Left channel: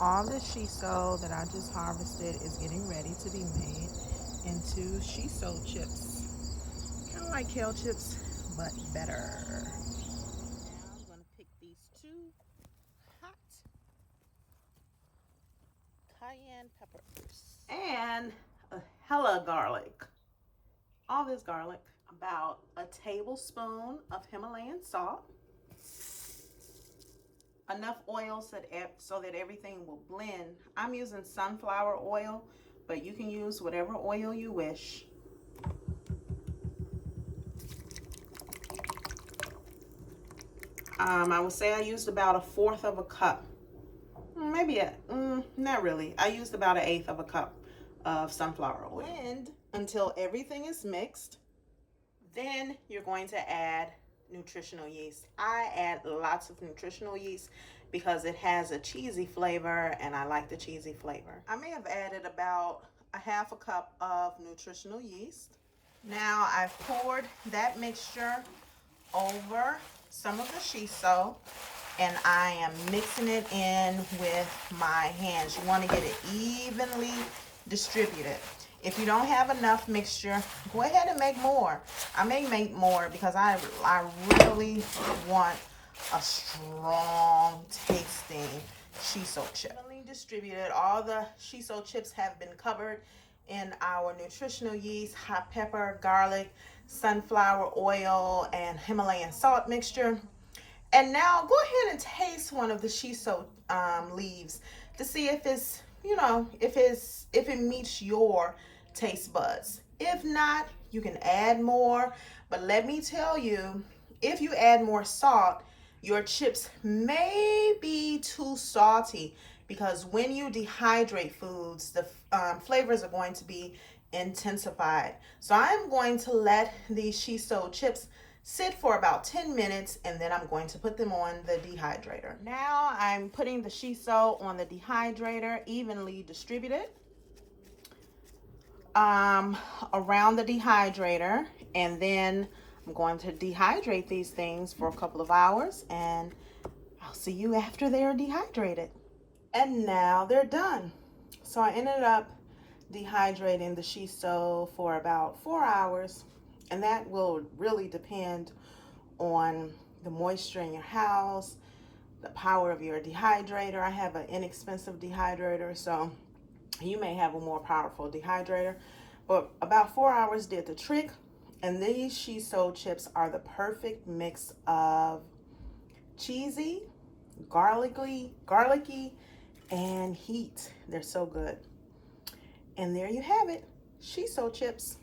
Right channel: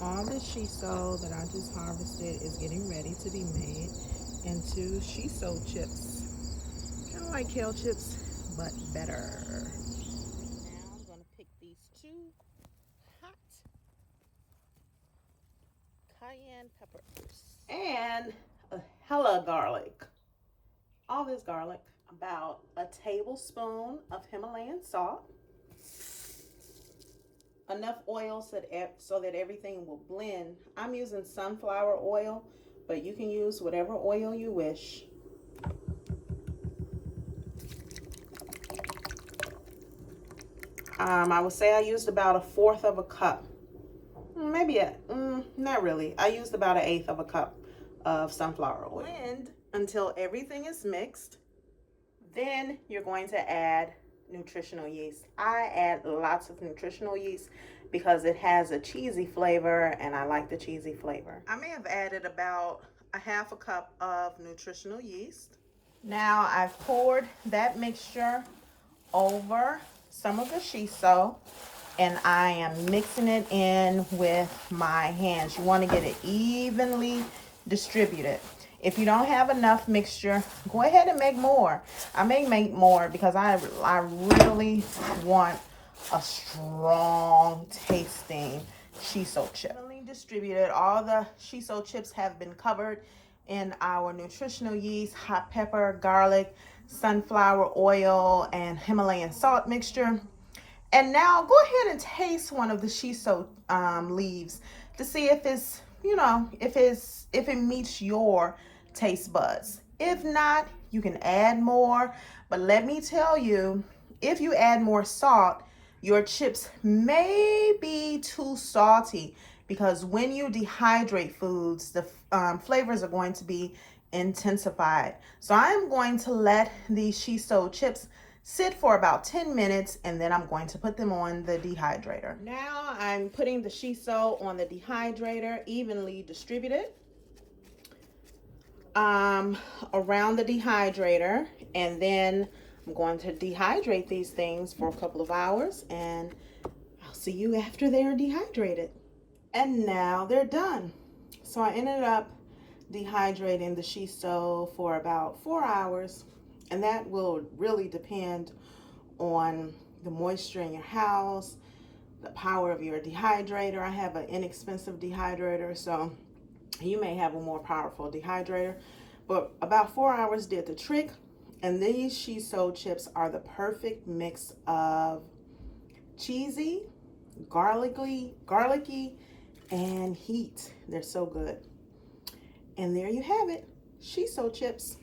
All the shiso that I just harvested is getting ready to be made into shiso chips. Kind of like kale chips, but better. Now I'm going to pick these two hot cayenne peppers and a hella garlic. All this garlic, about a tablespoon of Himalayan salt, enough oil so that everything will blend. I'm using sunflower oil, but you can use whatever oil you wish. I would say I used about a fourth of a cup. Maybe not really. I used about an eighth of a cup of sunflower oil. Blend until everything is mixed. Then you're going to add nutritional yeast. I add lots of nutritional yeast because it has a cheesy flavor and I like the cheesy flavor. I may have added about a half a cup of nutritional yeast. Now I've poured that mixture over some of the shiso and I am mixing it in with my hands. You want to get it evenly distributed. If you don't have enough mixture, go ahead and make more. I may make more because I really want a strong tasting shiso chip. Evenly distributed. All the shiso chips have been covered in our nutritional yeast, hot pepper, garlic, sunflower oil, and Himalayan salt mixture. And now go ahead and taste one of the shiso leaves to see if it's, if it meets your taste buds. If not, you can add more. But let me tell you, if you add more salt, your chips may be too salty because when you dehydrate foods, the flavors are going to be intensified. So I'm going to let these shiso chips sit for about 10 minutes and then I'm going to put them on the dehydrator. Now I'm putting the shiso on the dehydrator, evenly distributed around the dehydrator, and then I'm going to dehydrate these things for a couple of hours and I'll see you after they're dehydrated. And now they're done. So I ended up dehydrating the shiso for about 4 hours, and that will really depend on the moisture in your house, the power of your dehydrator. I have an inexpensive dehydrator, so you may have a more powerful dehydrator, but about 4 hours did the trick. And these shiso chips are the perfect mix of cheesy, garlicky, and heat. They're so good. And there you have it, shiso chips.